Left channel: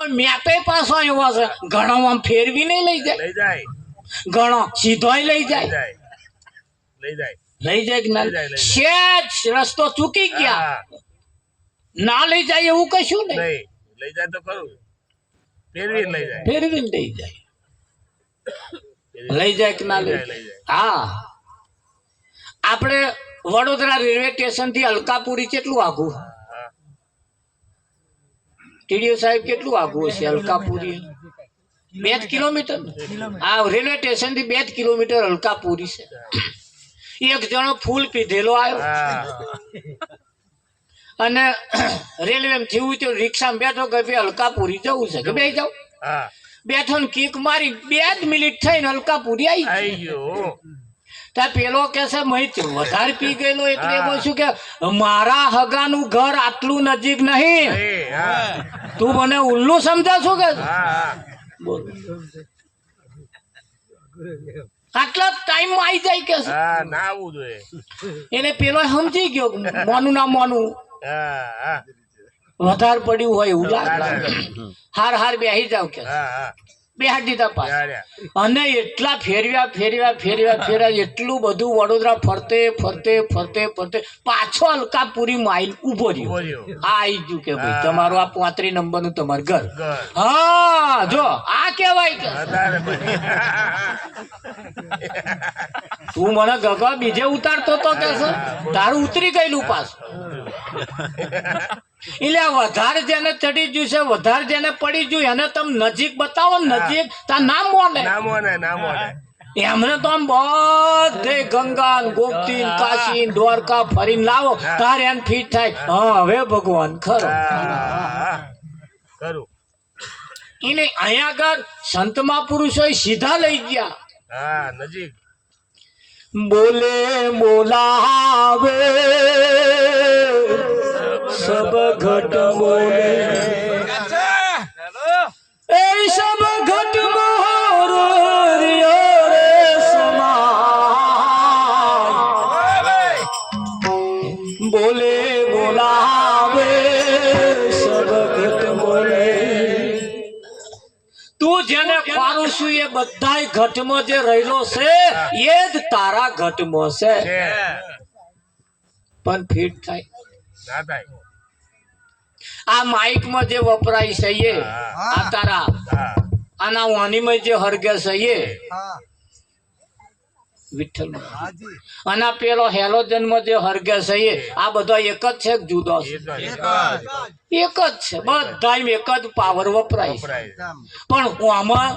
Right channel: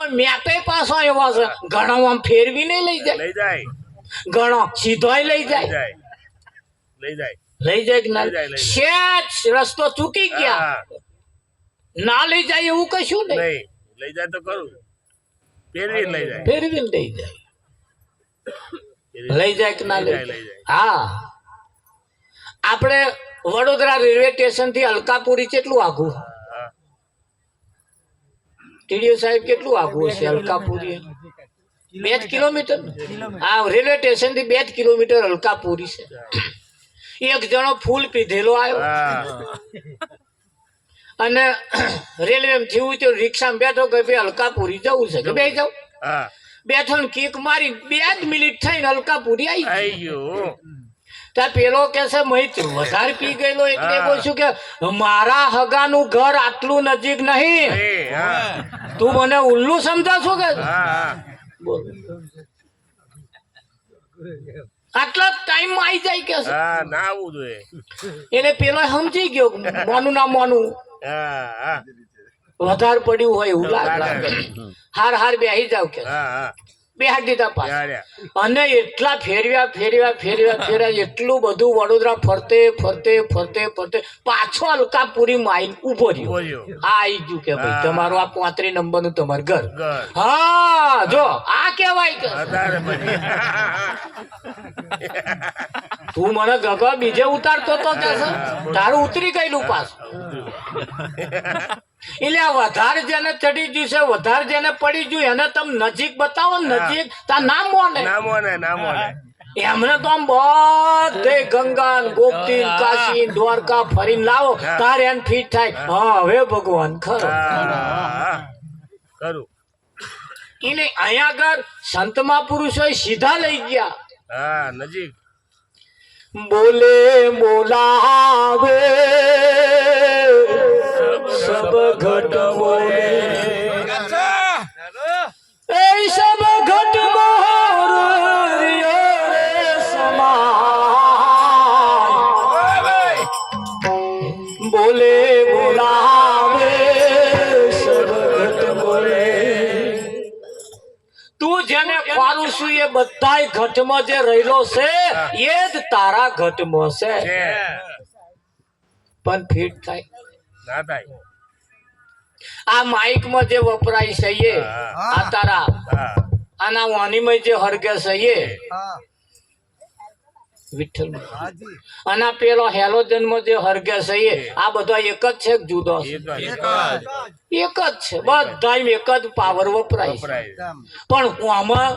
પણ મેપે પાછો એવો છે ઘણો આમ ફેરવી નહીં લઈ જાય ઘણો સીધોય લઈ જાય લઈ જાય કે ના સેજ રસ્તો ચૂકી ગયા ના લઈ જાય એવું કશું નહીં લઈ જાય તો ખરું ફેરવી લઈ જાય ફેરવી લઈ જાય લઈ જાય કે ના લઈ જાય હા આપણે વડોદરા રેલવે સ્ટેશન થી અલકાપુરી કેટલું આઘું ટીડીઓ સાહેબ કેટલું આઘું છે અલકાપુરી 2 કિલોમીટર હા રેલવે સ્ટેશન થી 2 કિલોમીટર અલકાપુરી છે એક જણો ફૂલ પીધેલો આવ્યો અને રેલવે થયું તો રિક્ષામાં બેઠો કે ભાઈ અલકાપુરી જવું છે કે બે જાવ બેઠો ને કિક મારી 2 જ મિનિટ થઈને અલકાપુરી આવી ગયો ત્યાં પેલો કે છે મય વધારે પી ગયેલો એટલે બોલશું કે મારા હગાનું ઘર આટલું નજીક નહીં તું મને ઉલ્લુ સમજાવશો કે બોલ આટલા ટાઈમ માં આવી જાય કે ના આવવું જોઈએ એને પેલો સમજી ગયો મોનું ના મોનું વધારે પડ્યું હોય એવું લાગે હાર બેહી જાવ કે બેહાડી દીધા પાછા અને એટલા ફેરવ્યા એટલું બધું વડોદરા ફરતે પાછો અલકાપુરી માઇલ ઉભો રહ્યો આ આવી ગયું કે ભાઈ તમારું આ 35 નંબર નું તમારું ઘર હા જો આ કેવાય કે તું મને ગગા બીજે ઉતારતો તો કે તારું ઉતરી ગયેલું પાછું એટલે વધારે જેને ચડી ગયું છે વધારે જેને પડી ગયું એને તમે નજીક બતાવો નજીક તા નામ મોને એમને તો આમ બધે ગંગા ગોપતી કાશી દ્વારકા ફરીને લાવો તારે એને ફીટ થાય હા હવે ભગવાન ખરો એને અહીંયા આગળ સંત મહાપુરુષો સીધા લઈ ગયા નજીક બોલે બોલાવે सब घट मोरे ए सब घट मोर रे समाय बोले बोलावे सब घट मोरे તું જેને પારું છું એ બધાય ઘટમાં જે રહેલો છે એ જ તારા ઘટમાં છે પણ ફિટ થાય ના થાય આ માઇક માં જે વપરાય છે એ આ તારા આના વાણીમાં જે હરગે છે એ વિઠ્ઠલ અને પેલો હેલોજન માં જે હરગે છે એ આ બધા એક જ છે જુદો છે એક જ છે બધા એક જ પાવર વપરાય છે પણ આમાં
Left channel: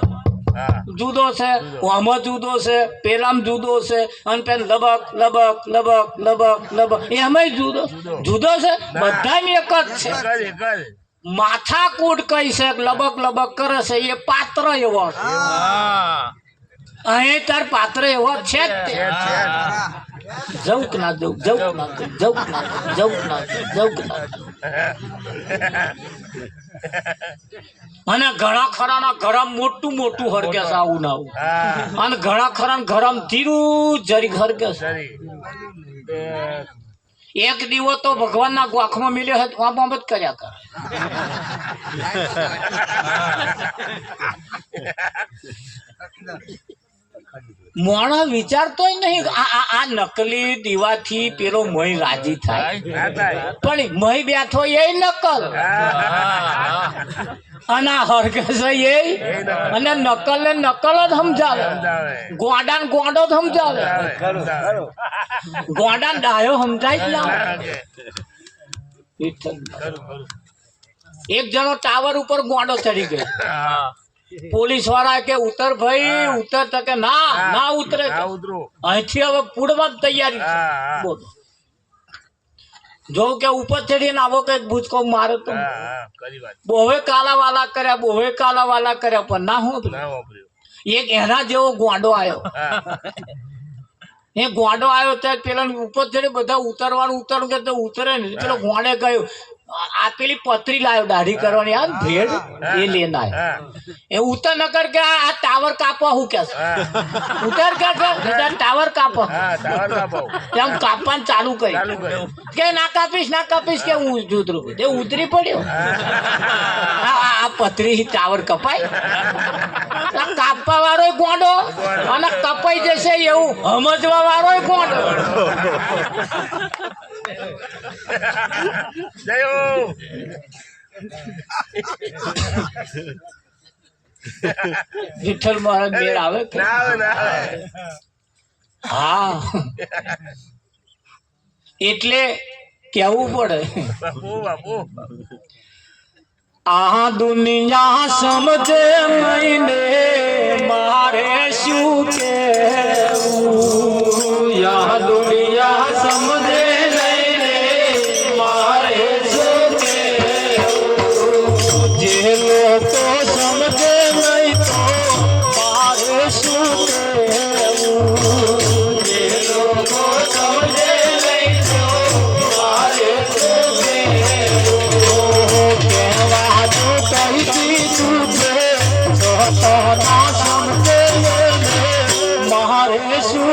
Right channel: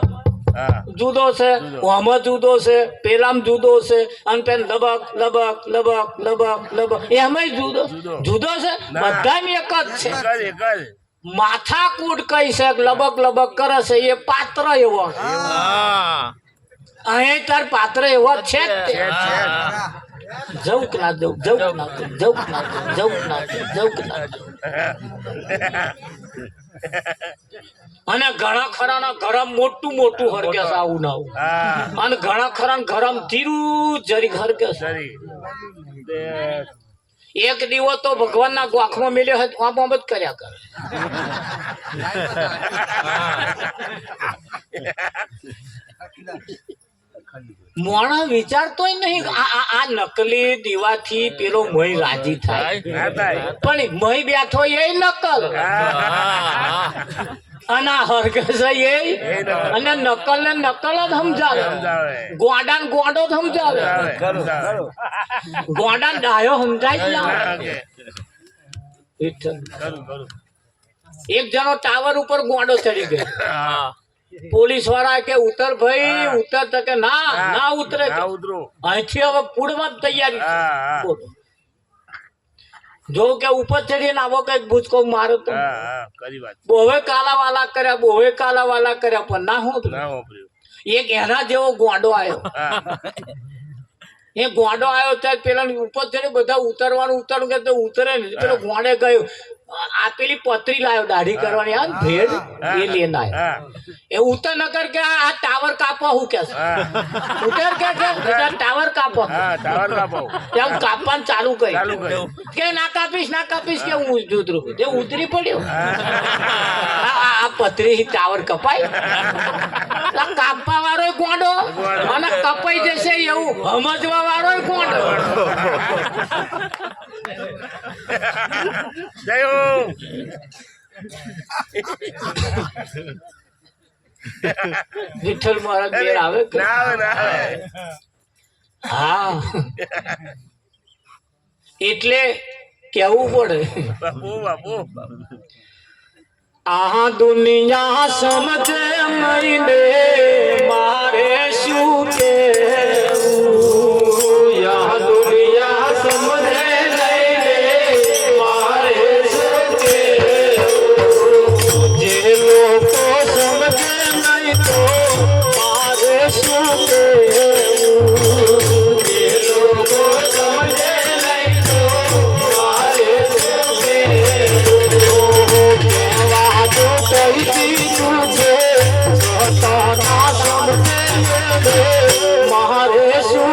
જુદો છે આમાં જુદો છે પેલામાં જુદો છે અને પેલ લબક લબક લબક લબક લબક એમાંય જુદો છે બધા એક જ છે માથા કૂટ કઈ છે લબક લબક કરે છે એ પાત્ર એવો છે અહીં તાર પાત્ર એવો છે જવું ના જવું ના અને ઘણા ખરા ગરમ મોટું હરગે છે આવું ના આવું અને ઘણા ખરા ગરમ ધીરું જરી હરગે છે એક દીવો તો ભગવાન ના ગોખમાં મિલ્યો હોય તો આમ જ કર્યા કરે મોણા વિચારતોય નહીં આ નકલી દીવાથી પેલો મય રાજી થાય પણ મય બેઠો એ નકલ અને હરગે છે એ અને નકલ ને નકલ જ સમજાવે ગોડા ને ગોડો જ સમજાવે ગોડા ને ડાયો સમજાય જ ના એક જણો ટાવર ઉપર ગોડો ચડી ગયો પોલીસ વાળા કે ઉતર ભાઈ ઉતર તો કે ના ઉતરે અહીંથી હવે પૂડવા તૈયારી બોલો જો કે ઉપર ચડીને આવો કઈક ભૂચકો મારો તો બોવે કાલા વાલા કર્યા પણ ના હું એક એના જેવો ગોંડો આવ્યો એ ગોંડો આવ્યો ત્યારે પેલા ઉપર ચડે બધા ઉતરવાનું કે ઉતરે ને પેલો ગોંડે ગયો આ પેલી પતરી લાવ્યો દાઢી કરવાની આ ભેડ એ લેના હા એ ઉતર નકર કે આ ટાવર કાપો હું કે છે ઉતર કે છે બેટા ટાવર કાપો હા ટાવર કાપો એમ કાપવાનું ચાલુ કરી ચાલુ કર્યું કે ના કાપીશ કે હું ઉતરું તે ઉતરી પડ્યો આ પતરી ટાવર કપાય આ કાપવા વાળો ગોંડો અને કપાઈ જશે એવું સમજવા વાળો ગોંડો જય હો વિઠ્ઠલ મહારાજ મેળ આવે કે ના આવે, ના આવે. હા એટલે કેવું પડે બાપુ બાપુ આ દુનિયા સમજે નહીં ને મારે શું કેવું આ દુનિયા સમજે નહીં ને મારે શું કેવું જે લોકો સમજે નહીં તો મારે શું કેવું જે લોકો સમજે નહીં તો મારે શું કેવું મારે શું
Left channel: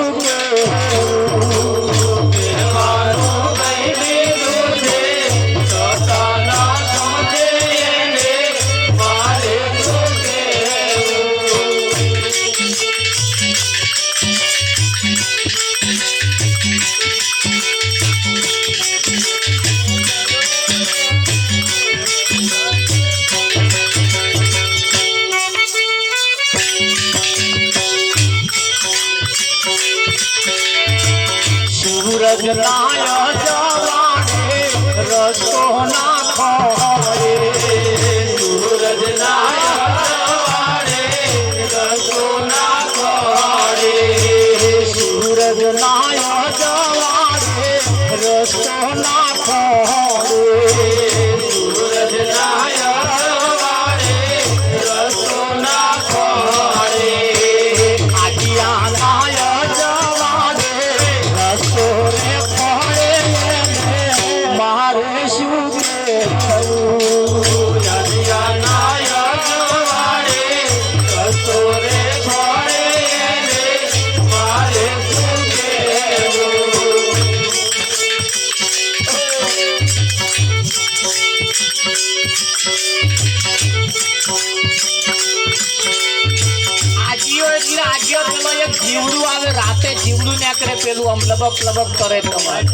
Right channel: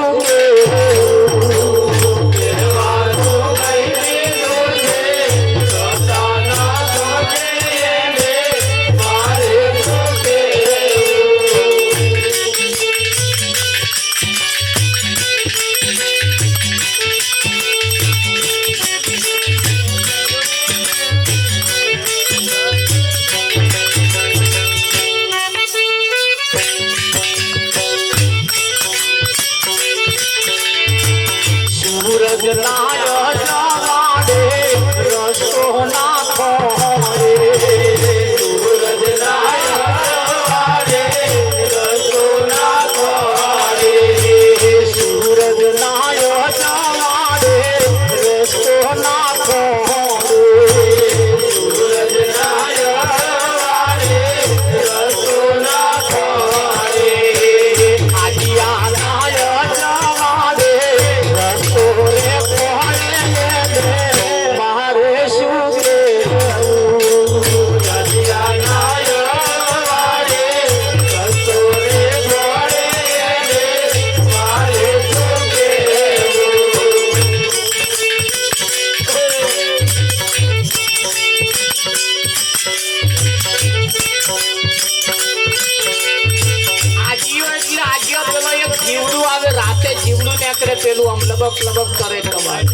સૂરજ ના જવાડે રસો ના ખોરે સૂરજ ના જવાડે રસો ના ખોરે સૂરજ ના જવાડે રસો ના ખોરે સૂરજ ના જવાડે રસો ના ખોરે આજીયા ના જવાડે રસો રે ખોરે મારે શું કેવું આજીયા ના જવાડે રસો રે ખોરે મારે શું કેવું આજીઓ એટલે આજીઓ પેલો એક જીવડું આવે રાતે જીવડું નીકળે પેલું આમ લબક લબક કરે તમારે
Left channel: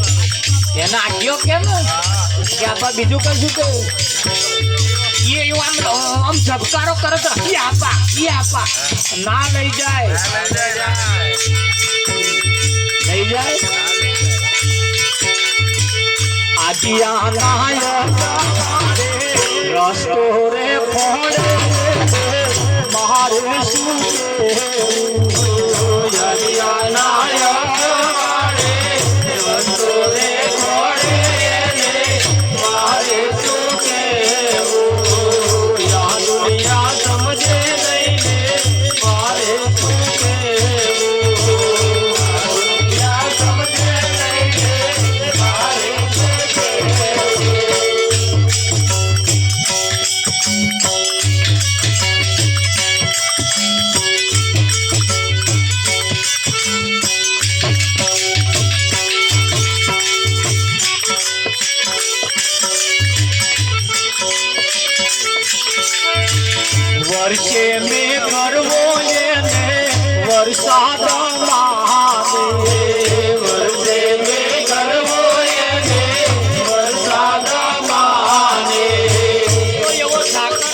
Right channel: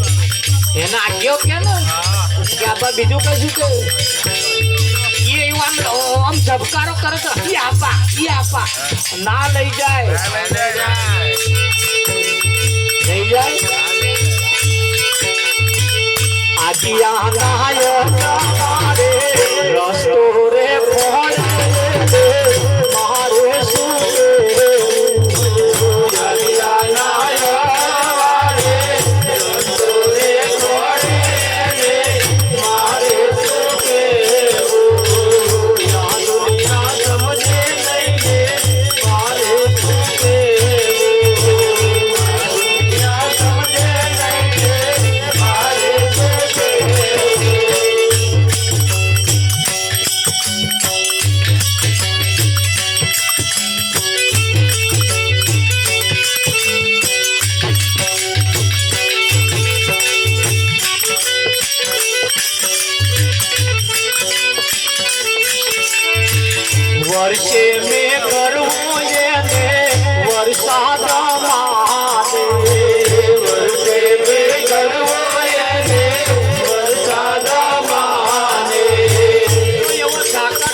એને આજીઓ કે ને કે આપા બીજું કશું કે એ એવું આમ ઝબકારો કરે તો ઈ આપા ના લઈ જાય લઈ જાય આજીયા નાય મારે રસ્તો રે ખોરે મારે શું કેવું આજીયા નાય મારે રસ્તો રે ખોરે મારે શું કેવું આ દુનિયા સમજે નહીં મારે શું કેવું આ દુનિયા સમજે નહીં મારે શું કેવું વર્ષે મેં કરવો એને વરસાદ માને વર્ષે મેં કરવો એને વરસાદ માને એવો સાકર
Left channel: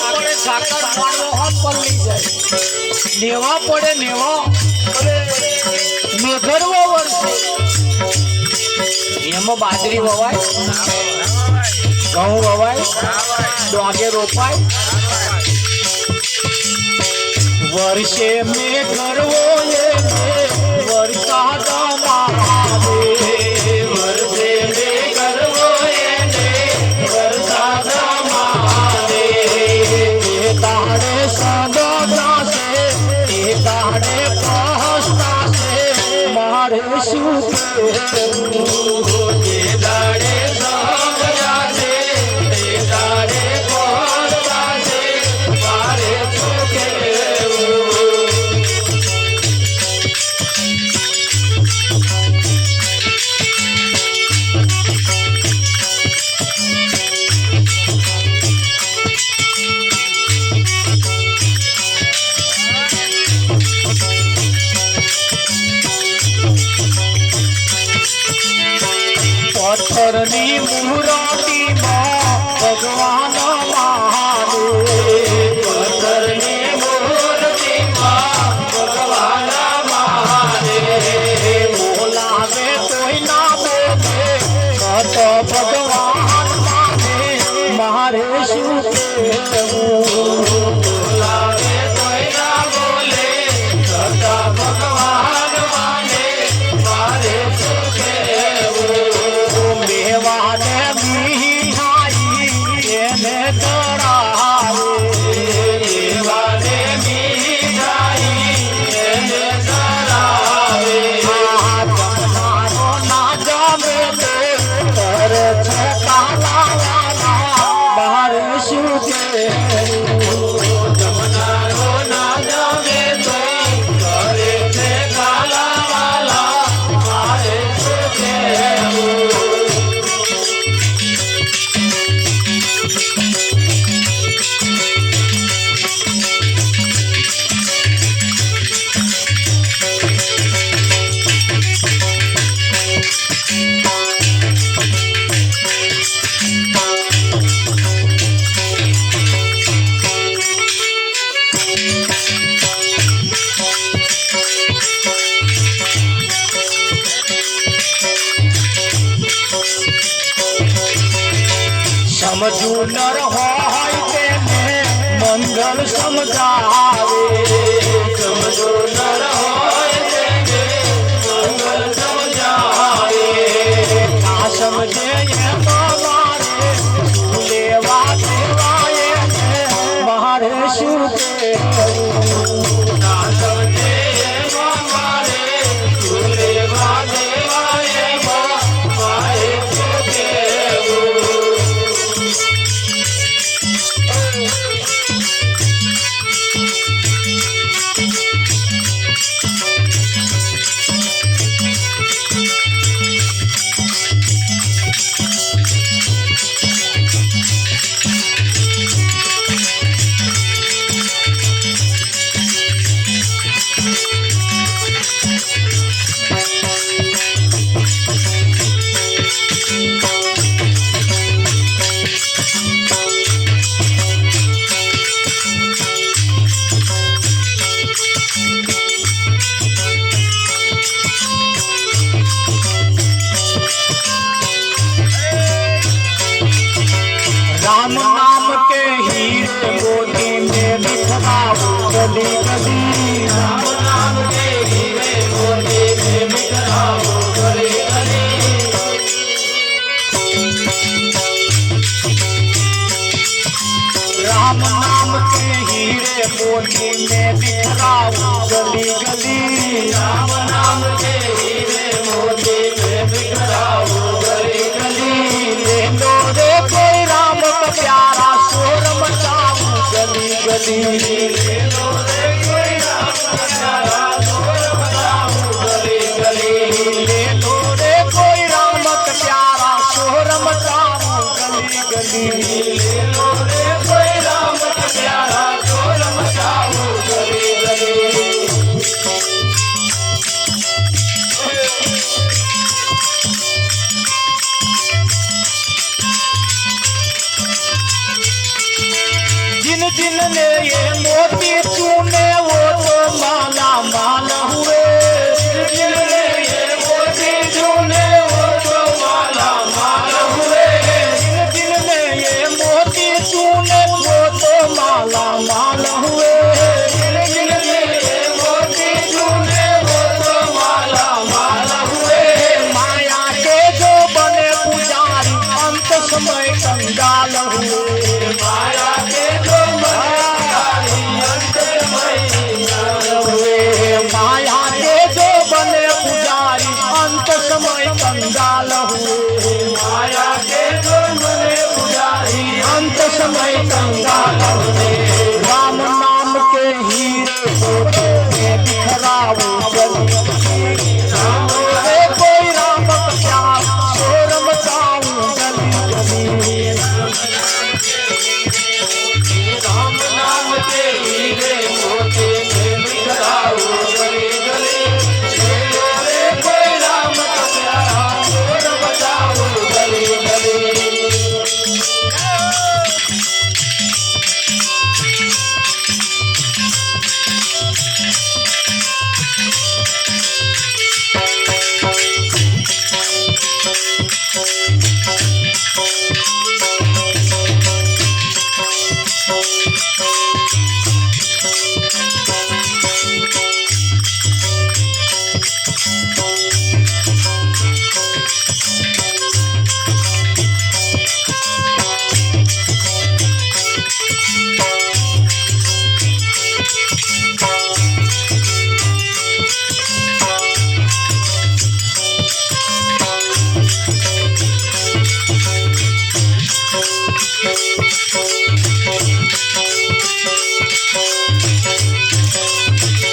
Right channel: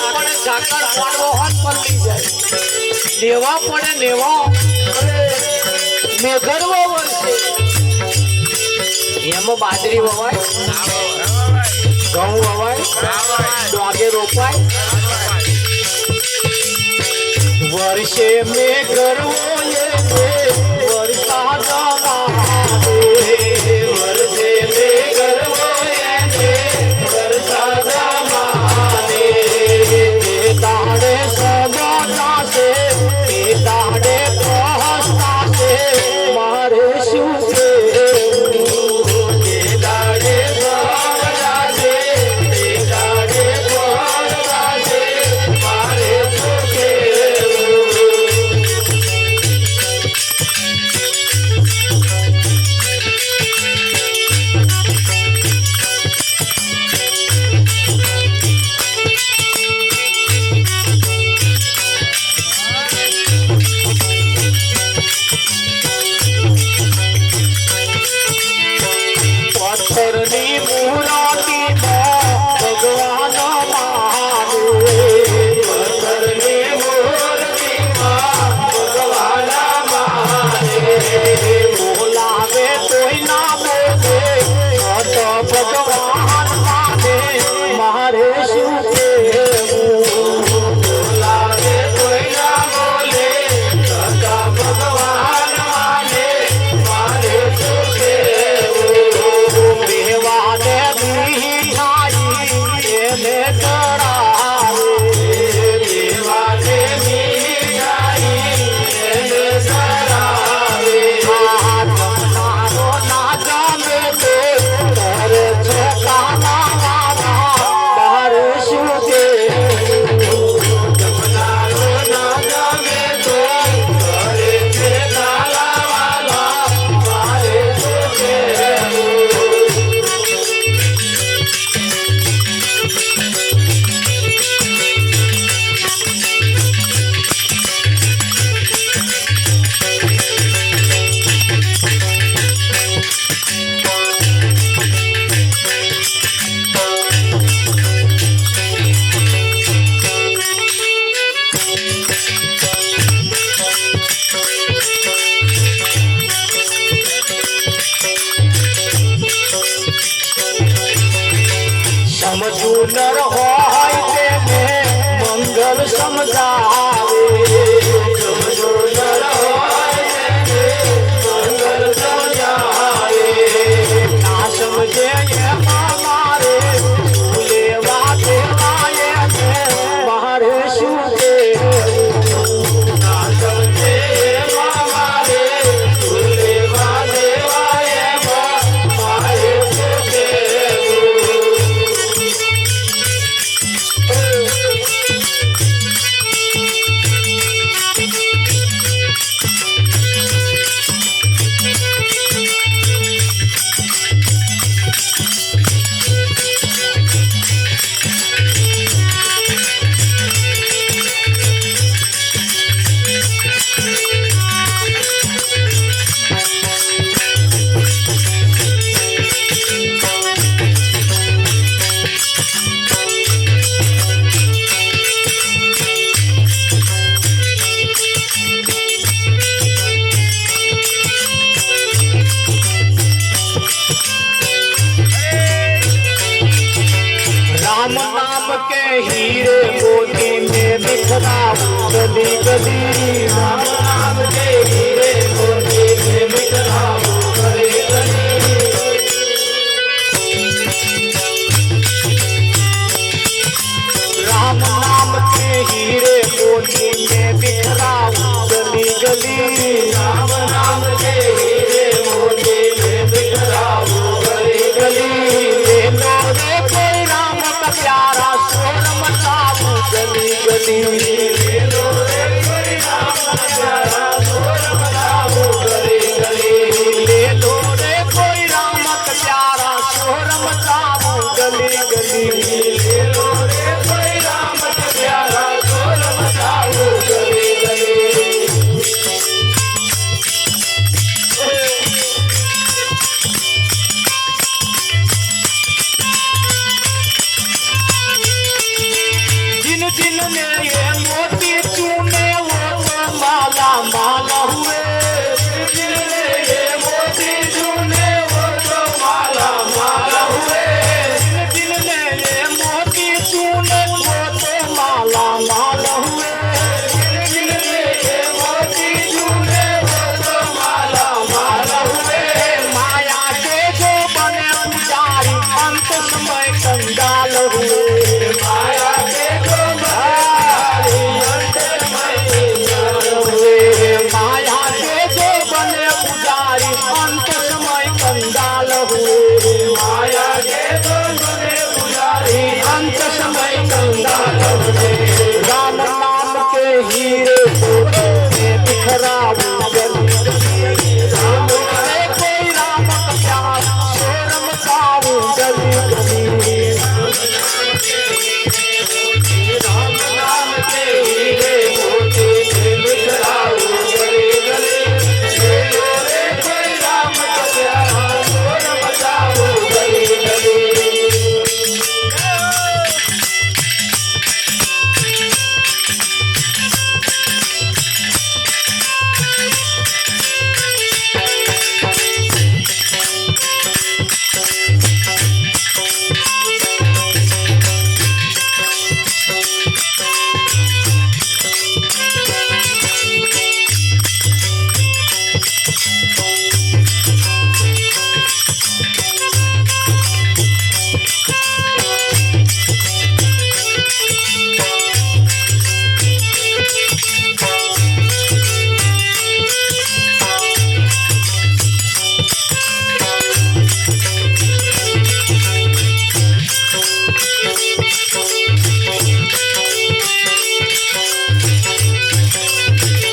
પાડો હાથ પડી જાય નેવા પડે નેવા મેં કરવો વર્ષે એમાં બાજરી વવાય ઘઉં વવાય ડોંગે રોપાય વર્ષે મેં કરવો વરસાદ માવે વર્ષે મેં કરવો વરસાદ માવે તારે સગા છે એ તારે પહસતા છે મારે શું કેવું એ તારે સગા છે એ સમજુ નર હોય તેને મંગળ સમજાવે સમજુ નર હોય તેને મંગળ સમજાવે ના સમજે એમાં મારે શું લેવા દેવાય ને મારે શું કહેવું ના સમજે એમાં મારે શું લેવા દેવાય એમાં મારે શું કહેવું राम नाम के हीरे मोती में बिखराओ गली गली राम नाम के हीरे मोती में बिखराओ गली गली राम नाम के हीरे मोती में बिखराओ गली गली राम नाम के हीरे मोती में बिखराओ गली गली ले लो रे कोई राम का प्यारा शोर मचाओ गली गली ले लो रे कोई राम का प्यारा शोर मचाओ गली गली ले लो रे कोई राम का प्यारा शोर मचाओ गली गली ले लो रे कोई राम का प्यारा शोर मचाओ गली गली जिन जिन ने ये मोती चूमे वो तो माला माला हुए जिन जिन ने ये मोती चूमे वो तो माला माला हुए जिन जिन ने ये मोती चूमे वो तो माला माला हुए जिन जिन ने ये मोती चूमे वो तो माला माला हुए माया के जो बने पुजारी अंत समय कंगाल हुए माया के जो माया के जो बने पुजारी अंत समय कंगाल हुए माया के जो बने पुजारी अंत समय कंगाल हुए राम नाम के हीरे मोती में बिखराओ गली राम रे कोई राम का प्यार शोर मचाओ गली गली राम नाम के हीरे मोती में बिखराओ गली गली ले लो रे कोई राम का प्यारा शोर मचाओ गली गली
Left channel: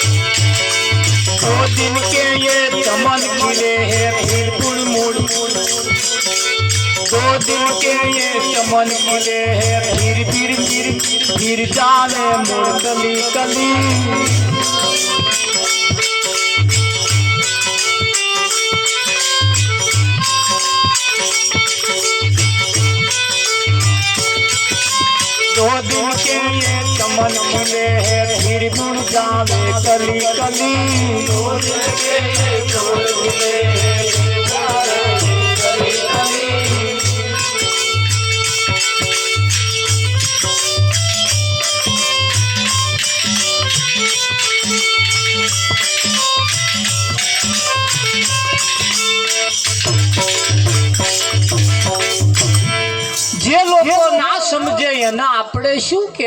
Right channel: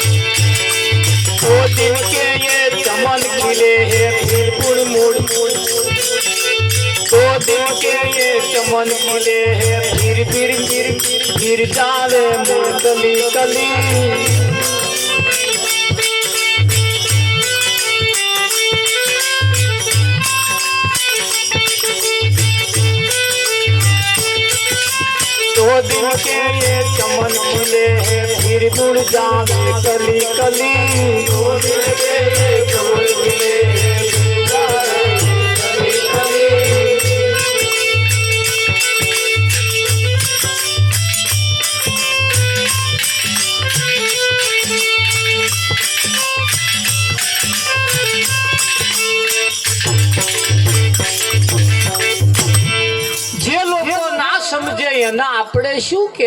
दो दिन के ये चमन खिले हैं फिर मुड़ दो दिन के ये चमन खिले हैं फिर जावे मुड़ कली कली दो दिन के ये चमन खिले हैं फिर जुड़ जावे कली कली दो दिन के ये चमन खिले हैं फिर जावे कली कली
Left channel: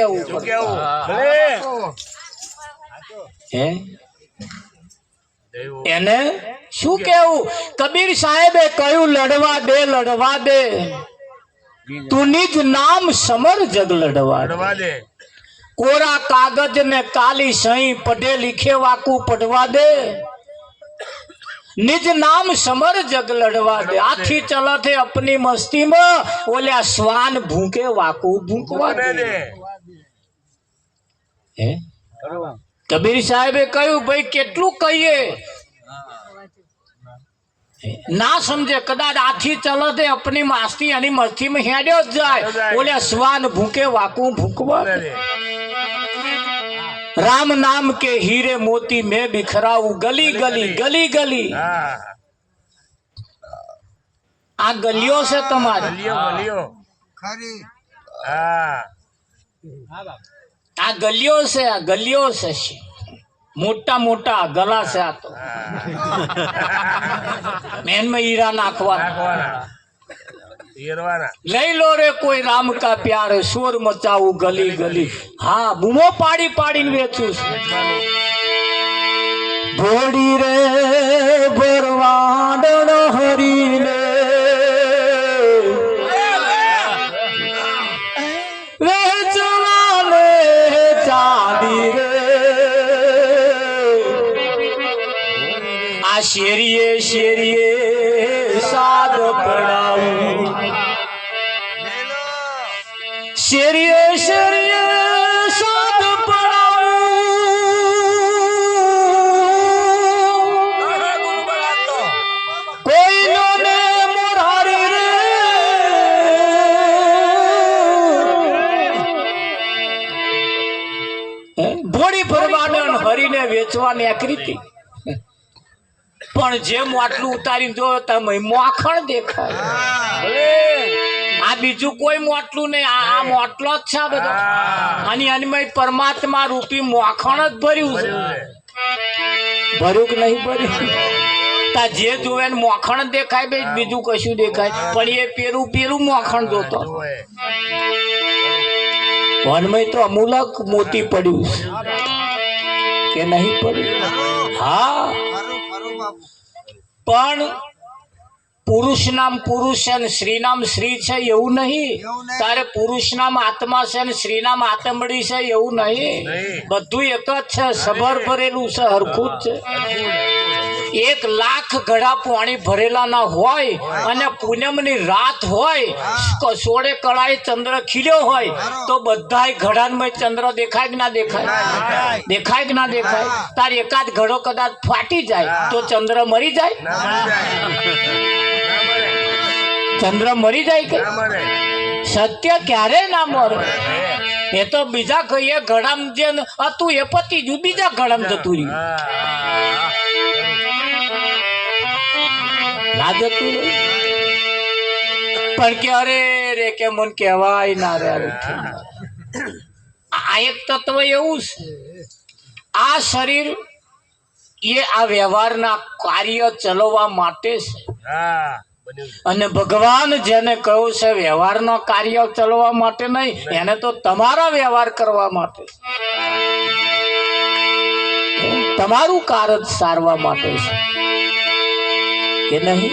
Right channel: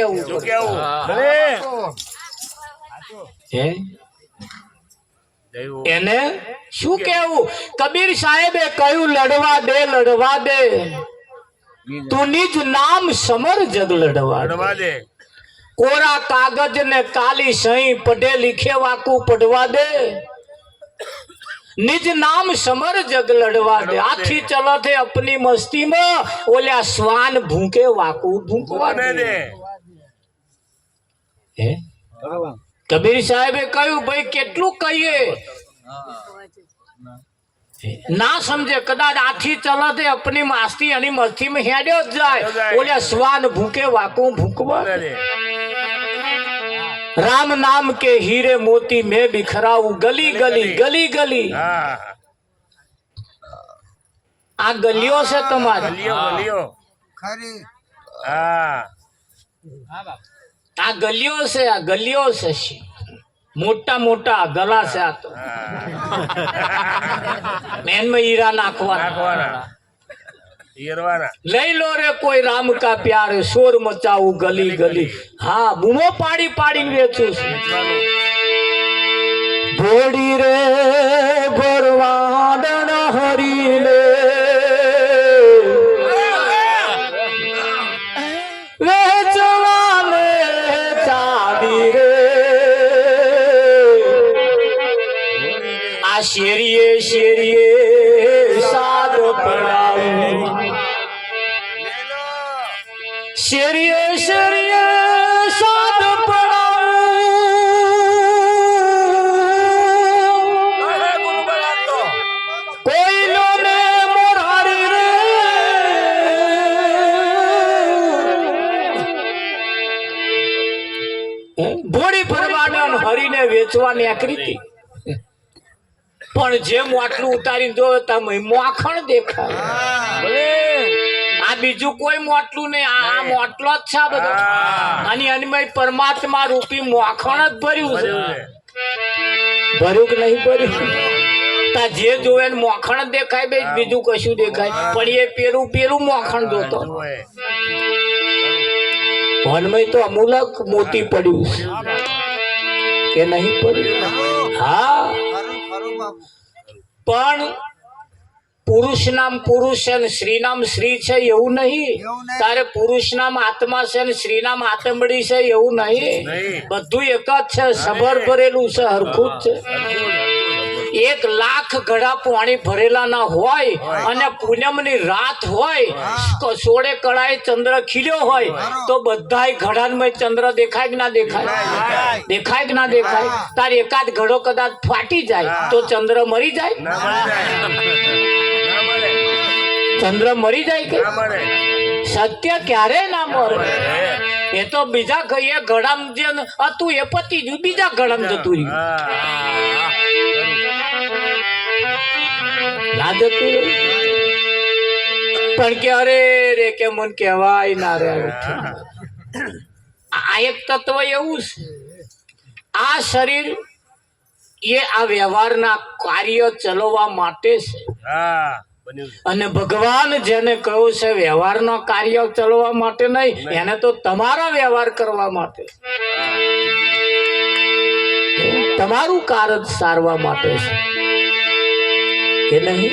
કેવું શું પડે? કેવું ભલે હે દેવું એને શું કેવું? કબીર સાહેબે કહ્યું લડવા દે તું નિજ નામ સમર જગ લડવા દે. પડવા દે કોરા કાગજ ને કાલી સહી પઢે લીખે વાકું પડવા દે નિજ નામ સમર જગ લડવા દે. આથી ચલત હે अपनी मस्ती में ओल्या श्वान भूखे वाकू भूखवा પડે દે. દે હે કબીર સાહેબે કહ્યું ભાઈ કેટલું કહીએ ના સમજે કદાચ આથી ચલત હે अपनी मस्ती અને મસ્તી में હેડ્યો જ જાય ઓल्या શ્વાન ભૂखे વાકू ભૂખવા પડે દે. દે राम नाम के हीरे मोती मैं बिखराऊं गली गली गली गली. હા આ ગલીઓ છે તમારી, ગલીઓ ગલીઓ હા આ ગલીઓ છે, આ ગલીઓ છે. મોટા મોટા ગલા છે આ તો. મેનમાં હીરા નાખવાના. નાખવાના હીરવાના લઈ લો રે કોઈ રામ કા પ્યાર શોર મચાવું ગલી ગલી. હા બૂમો પાડી પાડી વેચું છું. ઘોડી રે ભરવાડણ હરીને વેચવાને ચાંદી રે. આ શેરીએ શેરીએ સાદ પડાવું શેરીએ શેરીએ સાદ પડાવું કોઈનો ને મોરારી રે. ભોળી ભરવાડન હરીને વેચવાની આકૃતિ. પણ જેમ આટલું ઉતારીને જો તમે મોખણ દેખાય. આ બીજું કોઈ મોટલું નહીં, આ મોટલો જ છે આ બધો. અને એની પરમાત્મા રૂપી મોખણ જ ભર્યું છે. ભર્યું કે નહીં ભર્યું? તા જે જોવે ને મોખણ જ દેખાય બે, બીજું કશું દેખાય. પણ એ પેલું મોખણ જોતો. વનમાં તો અમૂલક મોતી પડ્યું છે કે નહીં પડ્યું? હા પણ પુરુષ નામ પુરુષ છે ને સ્ત્રી નામ સ્ત્રી છે એવું નહીં. તારે પુરુષ નામ આત્મા છે ને સ્ત્રી નામ આત્મડી છે એવું નહીં. બધું એક જ છે, સબર ભરેલું છે, હરખું જ છે. 1 લાખ ઘડા પાણી ભરેલા ના હોય અને પૂનમની રાત હોય, સોળે કળાએ ચંદ્ર ખીલ્યો હોય તો બધાય ઘડામાં ચંદ્ર દેખાય કે ના દેખાય? દેખાય કે ના દેખાય? તાર એકાદ ઘડો કદાચ ફાટી જાય તો ચંદ્ર મરી જાય? ચંદ્ર મરી જાય કે? સત્ય ક્યારે ના મરે. એ તો બીજા કહીએ ઘડામ જે હતું એ પતી ગયું, બીજા ઘડામ જતું રહ્યું. ના જતું પણ કે અરે રે કે મન કહેવાય ના રે. આ એક તત્વ એવું છે, આ શરીર એ આ વ્યવહારના કાર્ય ચલાવવા માટે છે. હા બન્યું છે. અને ભગવાન જેને કહ્યું છે વ્યવહારનો કાર્ય ચલાવવા માટે નહીં, એને તો તમારો વ્યવહાર કરવા માટે, તમારું કાર્ય સારવા માટે છે કે નહીં?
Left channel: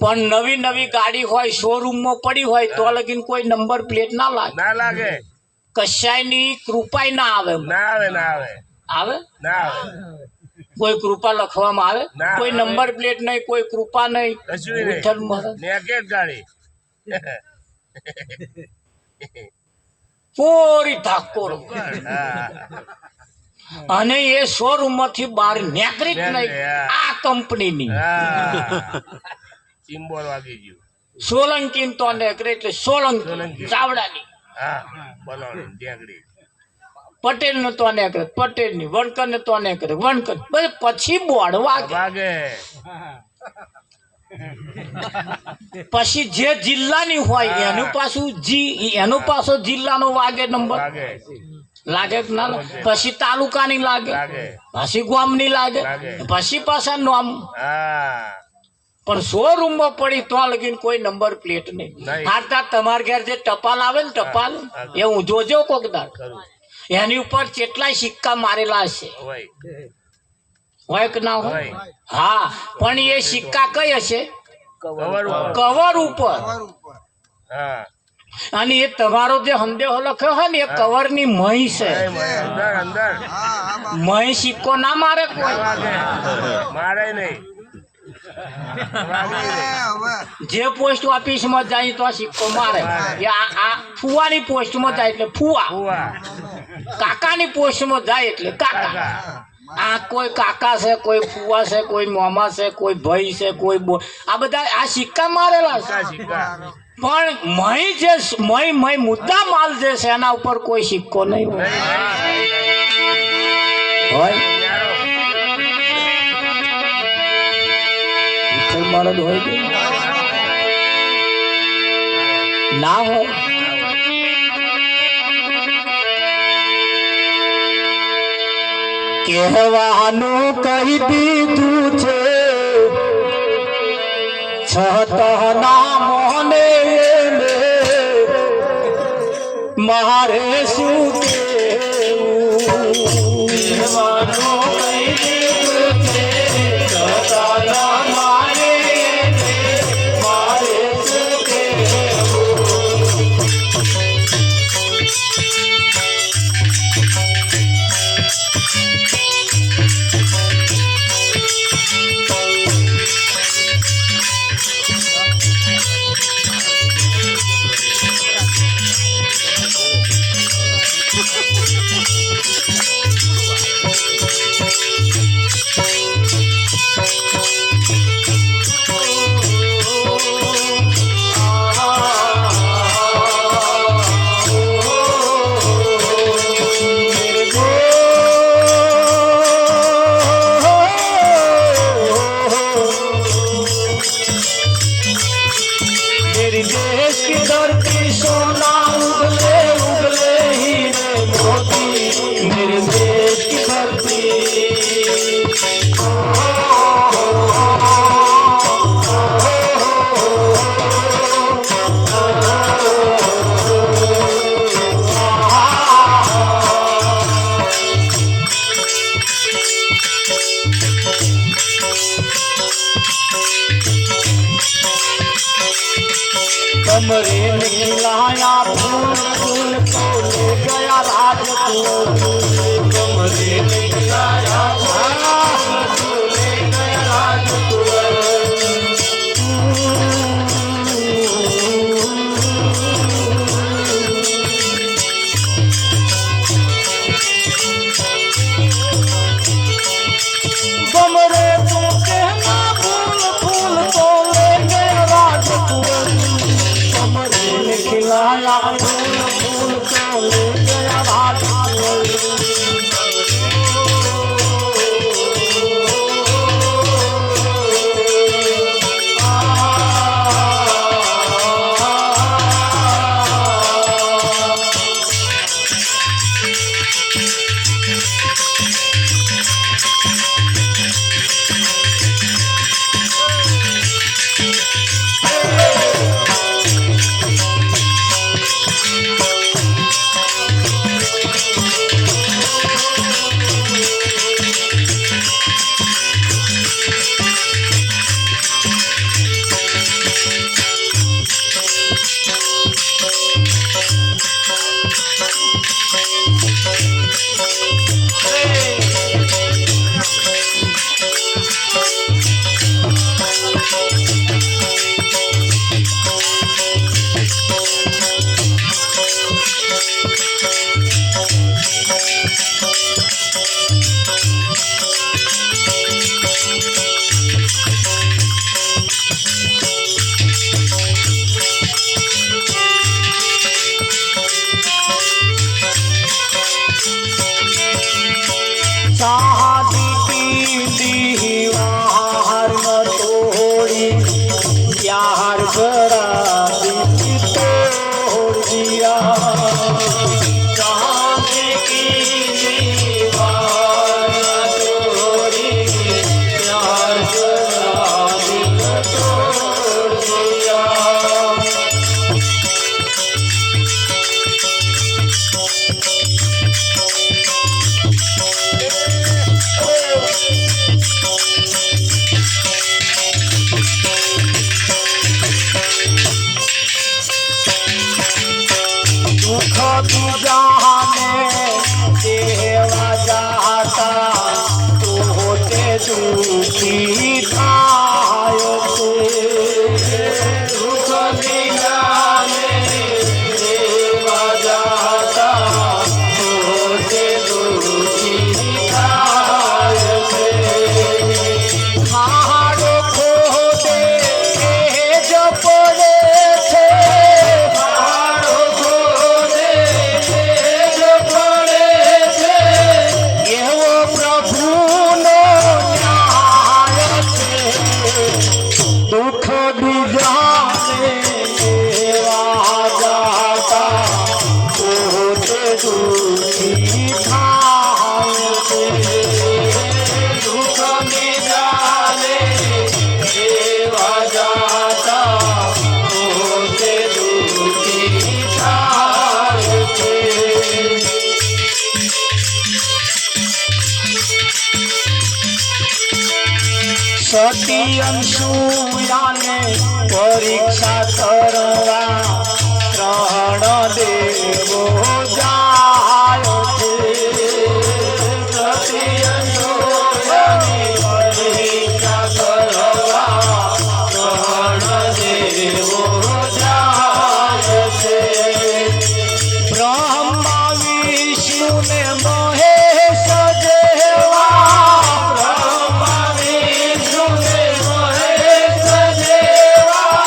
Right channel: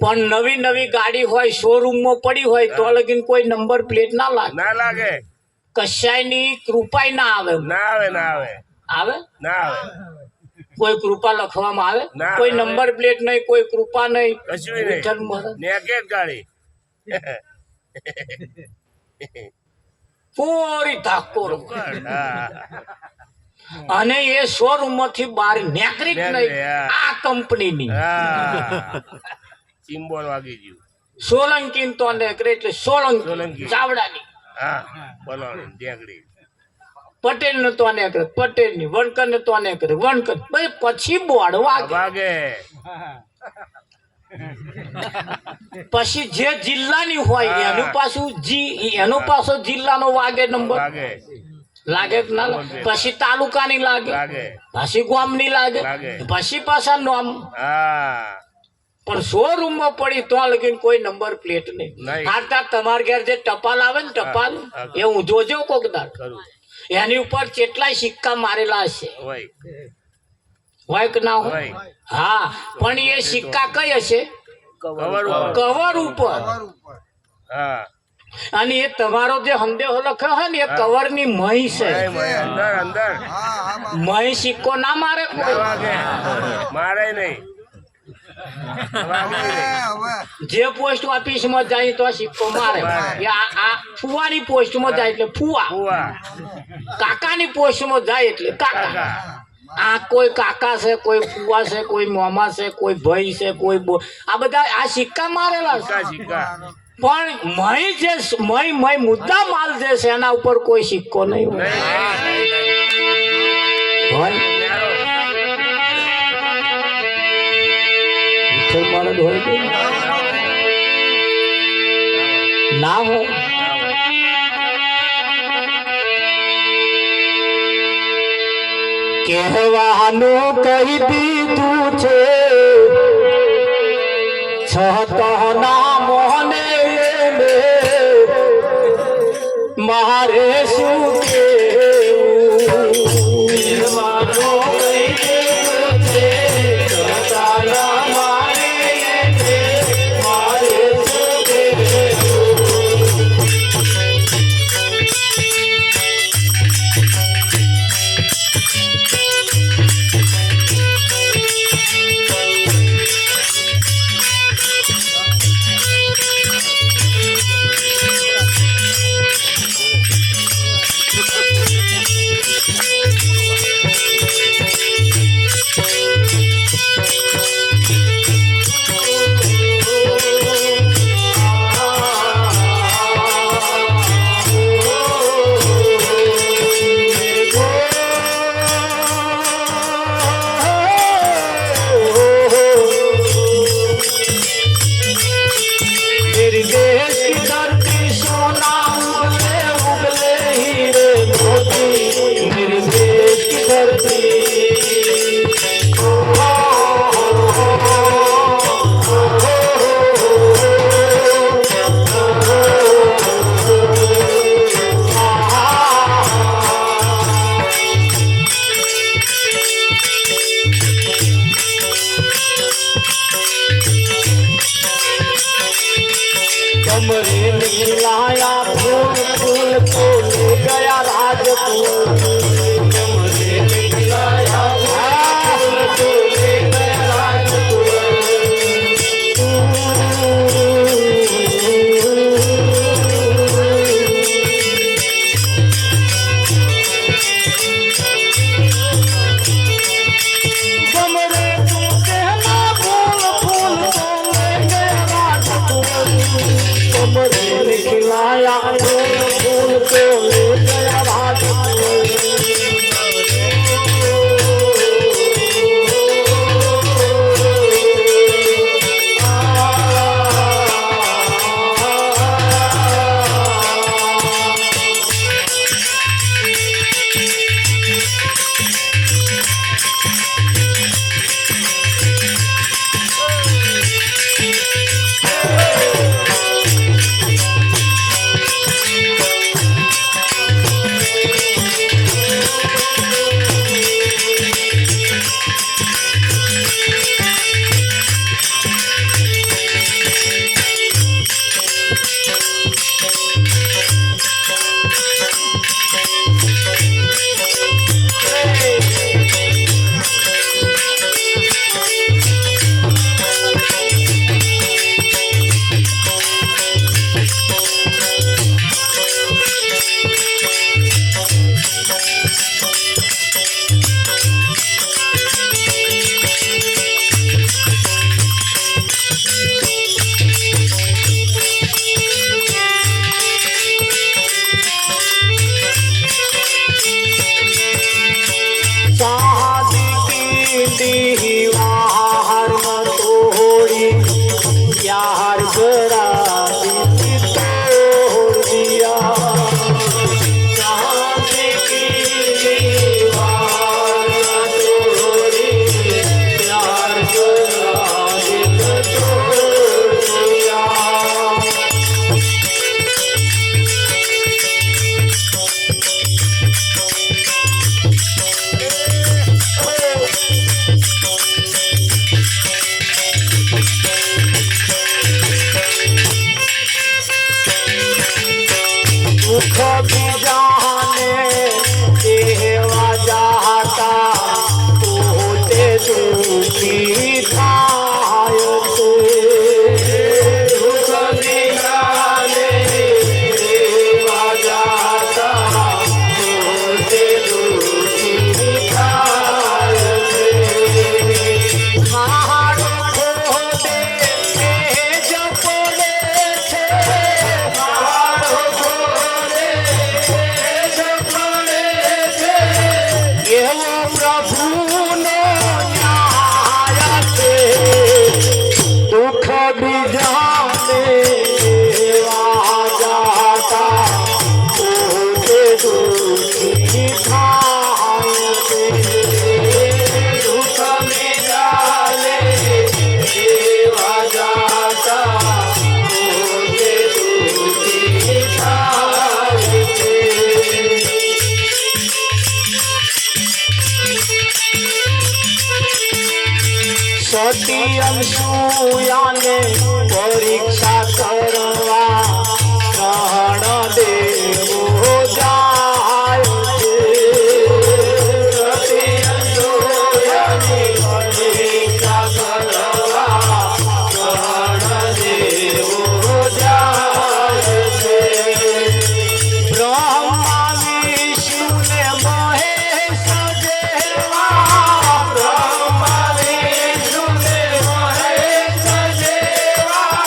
પણ નવી નવી ગાડી હોય શોરૂમમાં પડી હોય તો લગીન કોઈ નંબર પ્લેટ ના લાગે, ના લાગે, કશાયની કૃપાય ના આવે. ના આવે, ના આવે, આવે ના આવે, કોઈ કૃપા લખવામાં આવે? ના. કોઈ નંબર પ્લેટ નહીં, કોઈ કૃપા નહીં. કશું નહીં. વિઠ્ઠલ મહારાજ નેકેટ ગાડી પૂરી ધાકો. હા. અને એ શોરૂમ માંથી બહાર નીકળી જ નહીં. આ કંપનીની હા. ચિંબોલ વાગી ગયું. સોલંકી તો નીકળે એટલે સોલંકી સોલંકી. ચાવડાની. હા બોલો ઢેકડી. પટેલ ને તો નીકળે પટેલ ની, વણકર ને તો નીકળે વણકર. બસ પછી બોર્ડ વાગે. વાગે પછી જે જિલ્લાની હોય એનું પાછું એનો પાછો જિલ્લાનો વાગે નંબર. વાગે લાગે કે ના લાગે? પછી તાલુકાની લાગે, લાગે. પછી ગામની લાગે, લાગે. પછી પાછા નામ. હા પણ શોરૂમ માં પડી તો લગીને કોઈ નંબર પ્લેટ નહીં. નહીં. આતા તમારા ઘેર જે ટપાલ આવે ને ટપાલ એ હું જોજો કોક દાડ ખરું એની ઉપર કેટલાય સિક્કા મારેલા હશે, હોય હોય કે ના હોય? હોય. હા, પણ એ સિક્કા કઈ હશે? કવર ઉપર. કવર ઉપર. હા અને એ તમારો જે સંદેહો લખ્યો હોય ને એ કવર ની મહી છે. અંદર અંદર મહી સિક્કો ના મારે કોઈ. મારે નહીં વાગે નહીં. જે પોસ્ટ ઓફિસ માં જાય તો સિક્કો મારે. એ આ ફુવાની પોસ્ટ માં જાય એટલે ફુવા, ફુવા કાકાની પોસ્ટ માં જાય એટલે કાકા. કાકા આ કોઈ કાકા છે, કોઈ ફુવા છે, કોઈ મામા છે, કોઈ ભાઈ છે, કોઈ આ બધા આ સિક્કા મારેલા છે. સિક્કા પણ મહી જે મહી મુદ્દા માલ જે છે એના ઉપર કોઈ સિક્કો નહીં હોય. વિઠ્ઠલ માણસ હોય કે ના હોય? કહેવાનું કહી દીધું છે છતના મોને મારે શું કહેવું? કહેવાનું કહી દીધું છે છતના મોને મારે શું કહેવું? मेरी देश की धरती सोना उगले उगले हीरे मोती, मेरे देश की धरती कमरे में लाया फूल फूल को ले गया राजकुंवर। कमरे में लाया फूल को ले गया राजकुंवर। कमरे में कहना फूल फूल को ले गया राजकुंवर। कमरे में खिलाया फूल फूल को ले गया राजकुंवर। शादी की दीवार न तोड़ी, प्यार बड़ा तोड़ दिया। शादी की दीवार न तोड़ी, प्यार बड़ा સુખી થાય છે દુઃખ નિરાલે દેવા જાતા પોતે દુઃખી થાય છે હારો ખોદે જ પડે છે હારો ખોદે જ પડે છે એવો પ્રભુનો ન્યાય છે દુઃખ બીજાને દેવા જાતા પોતે દુઃખી થાય છે દુઃખ બીજાને દેવા જાતા પોતે દુઃખી થાય છે સતી અંશુયાને પરીક્ષા કરવા ત્રણ દેવો જાય છે સતી અંશુયાની પરીક્ષા કરવા ત્રણ દેવો જાય છે બ્રહ્મા વિષ્ણુ ને મહેશ જેવા બ્રહ્મા વિષ્ણુ ને મહેશ જેવા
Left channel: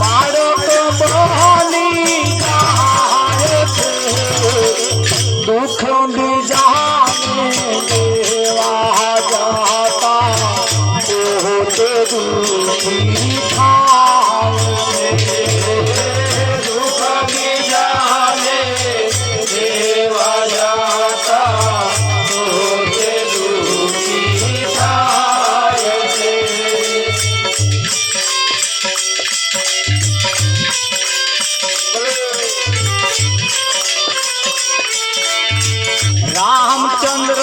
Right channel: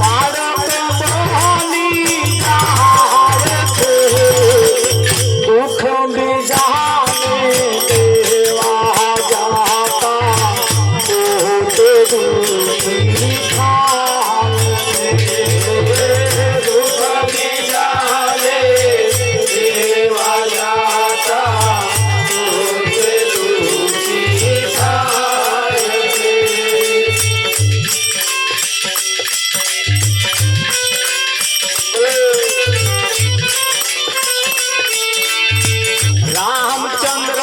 બાળક બની જાય છે દુઃખ બીજાને દેવા જાતા પોતે દુઃખી થાય છે દુઃખ બીજાને દેવા જાતા પોતે દુઃખી થાય છે રામચંદ્ર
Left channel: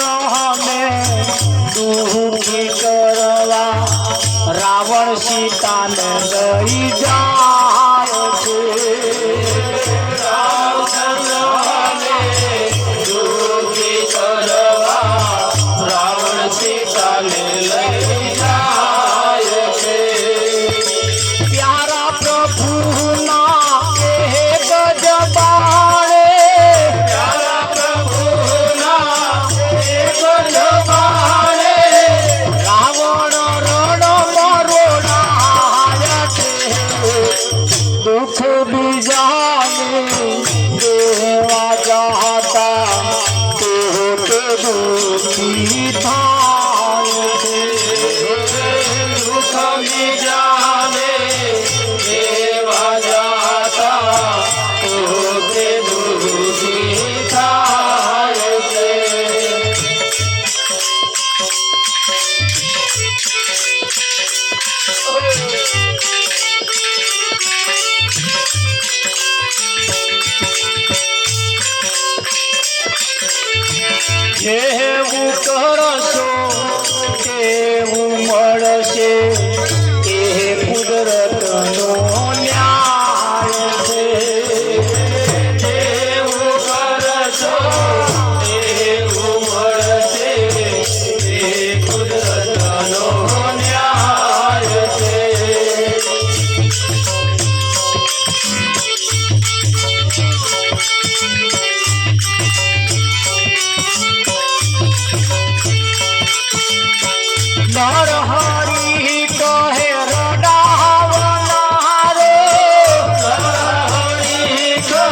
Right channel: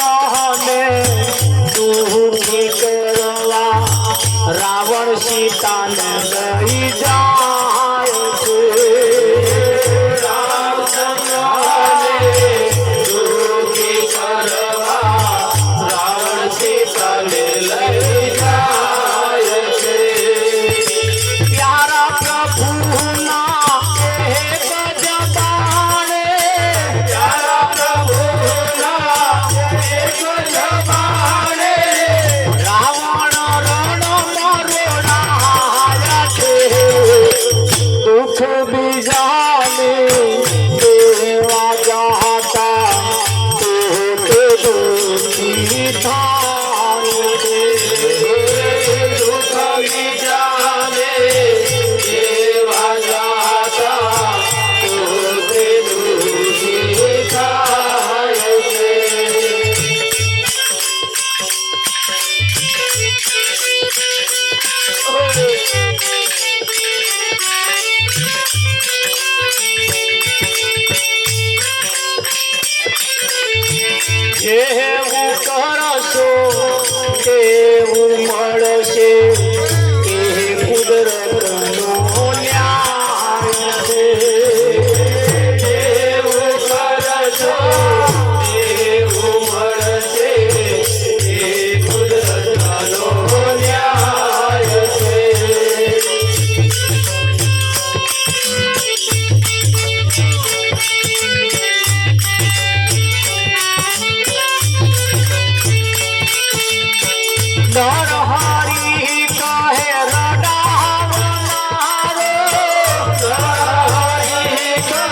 ને દુઃખી કરવા રાવણ સીતાને લઈ જાય છે રામચંદ્રને દુઃખી કરવા રાવણ સીતાને લઈ જાય છે પ્યારા પ્રભુના એક જ બાણે પ્યારા પ્રભુના એક જ બાણે રાવણ રણ મરોડાય છે દુઃખ બીજાને દેવા જાતા પોતે દુઃખી થાય છે દુઃખ બીજાને દેવા જાતા પોતે દુઃખી થાય છે જેવું કરશો તેવું મળશે એ કુદરતનો ન્યાય છે જેવું કરશો તેવું મળશે એ કુદરતનો ન્યાય છે નરહરિ કહે રડાવનારો નરહરિ કહે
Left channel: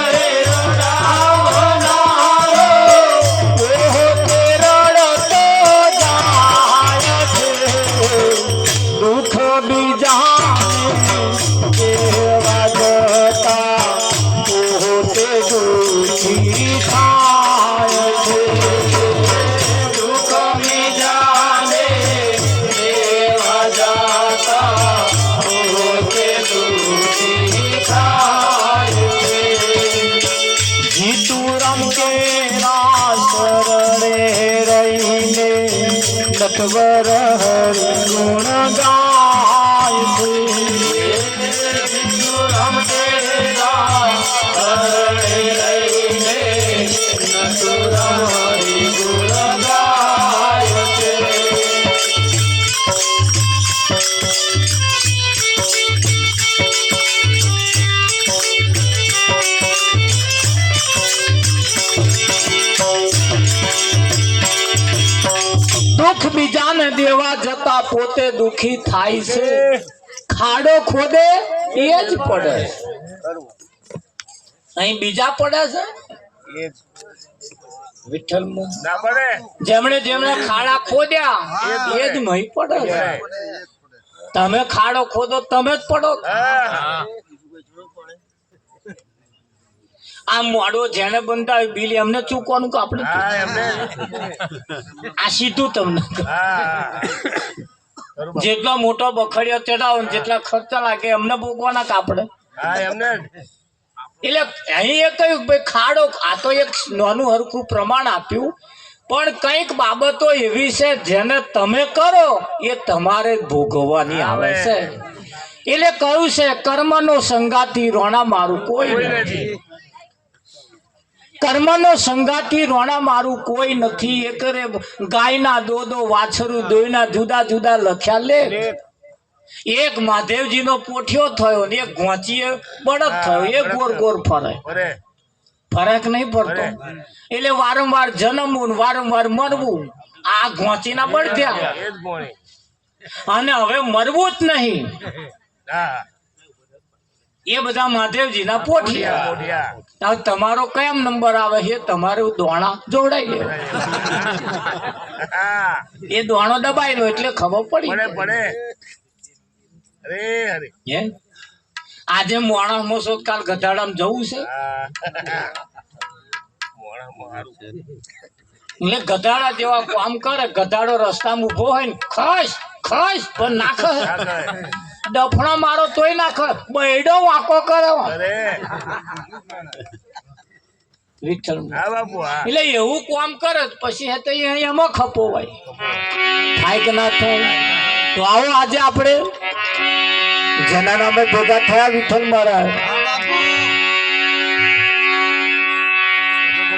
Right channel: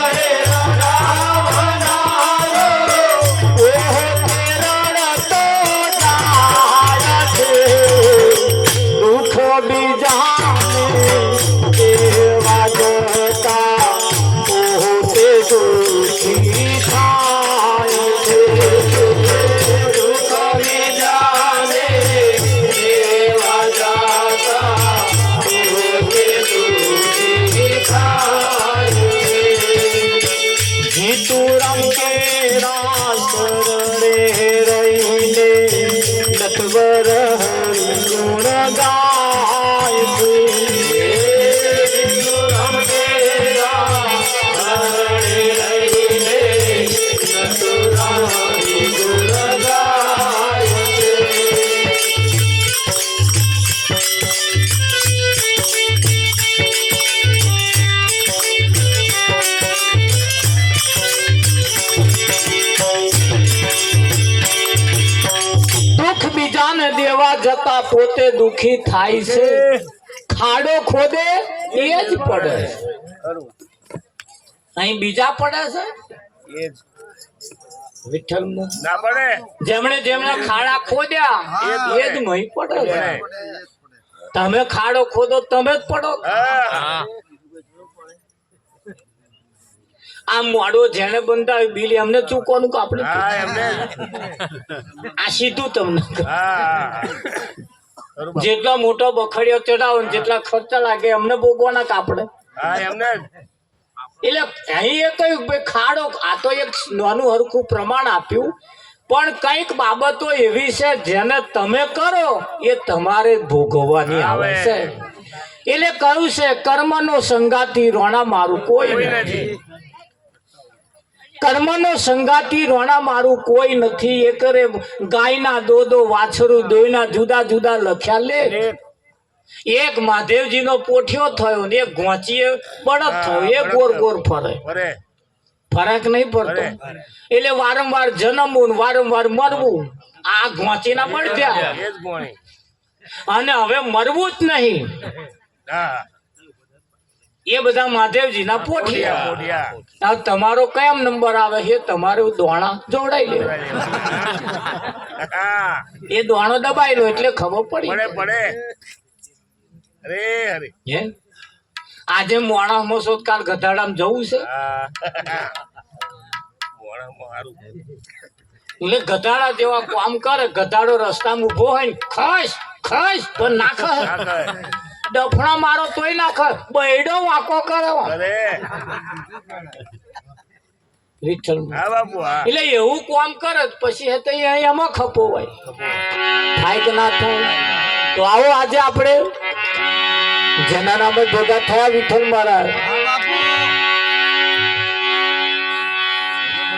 રડાવનારો પોતે રડતો જાય છે દુઃખ બીજાને દેવા જતા પોતે દુઃખી થાય છે દુઃખ બીજાને દેવા જાતા પોતે દુઃખી થાય છે જીતુરામ કેરા શરણે રહીને નટવર હરિ ગુણ ગાય છે જીતુરામ કેરા શરણે રહીને નટવર હરિ ગુણ ગાય છે દાન દેવા જતા પોતે દુખી થાય છે, ખાડો ખોદે એ જ પડે. અહીં બીજા પડે છે એ વિઠ્ઠલમાં. ના પડે. જેમણે જેમણે ખાડા ખોદ્યા એ જ મહી પડે છે. તમે ખાડો ખોદો તમે જ પડો. હા. આ મોડો જેને બંધાવી બિલ એમને ચૂકવાનું કે આપણે હા, એમને. આ સીધું તમને. હા. બરોબર. જેટલો મોટો બખડિયો ચડાવો ને જેટલા ખર્ચા લાગે એમને ભોગવાના કે આપણે. હા, એમને જ. એટલે અહીં એ કહ્યું ભાઈ ખાડો, આ તો એક નાનું હરખું પ્રમાણ આપ્યું, પણ કંઈક બાબતો એવી છે જેને તમે કરો એ તમારે જ ભોગવવાની આવે છે. એટલે કહ્યું છે કર્મનો સંગાતી રોણા મારું કોઈ નથી. કર્મનો સંગાતી રોણા મારું કોઈ નથી. એ કરે ગાયના દોદો વાછરું દોયના જુદા જુદા લખ્યા લે. એક મહાદેવજીનો પોઠિયો થયો ને એક ઘોંચીએ બળદ થયો, એ ગોર ગોર ફરે. અરે ફરક નહીં પડતો. એટલે વારંવાર જન્મવું ને વારંવાર મરવું. આ ઘોંચીના બળદ્યા એ જ ગોણી. અને હવે મરવું જ નહીં. હા. એ બધા મહાદેવજીના પોઠિયા. મોઢિયા. હવે તમારો કયા નંબર આવે છે તમારું દોણા જોડાઈ લે. હા. એ દોણો દબાઈ લો એટલે ખબર પડી. પડે પડે. અરે અરે. હે આજે મોણા મોસો કાલ ગધાડામાં જવું છે. હા. મોણામાં હારું. એટલે ગધાડા જેવા કામ કરે. ગધાડો રસ્તામાં ઉભો હોય ને ખસ ખસ પણ ના ખસ. ડફણો મારો તોય ના ખસ. બૈડો વાંકો કરે. અરે વિઠ્ઠલ. હા બાપુ. હા. એટલે એવું કામ કરે પછી હે તો એમાં ખપો હોય. થાય કે ના થાય. તો આવો આજે આપણે જેના નામે ભેગા થયા વિઠ્ઠલ મહારાજ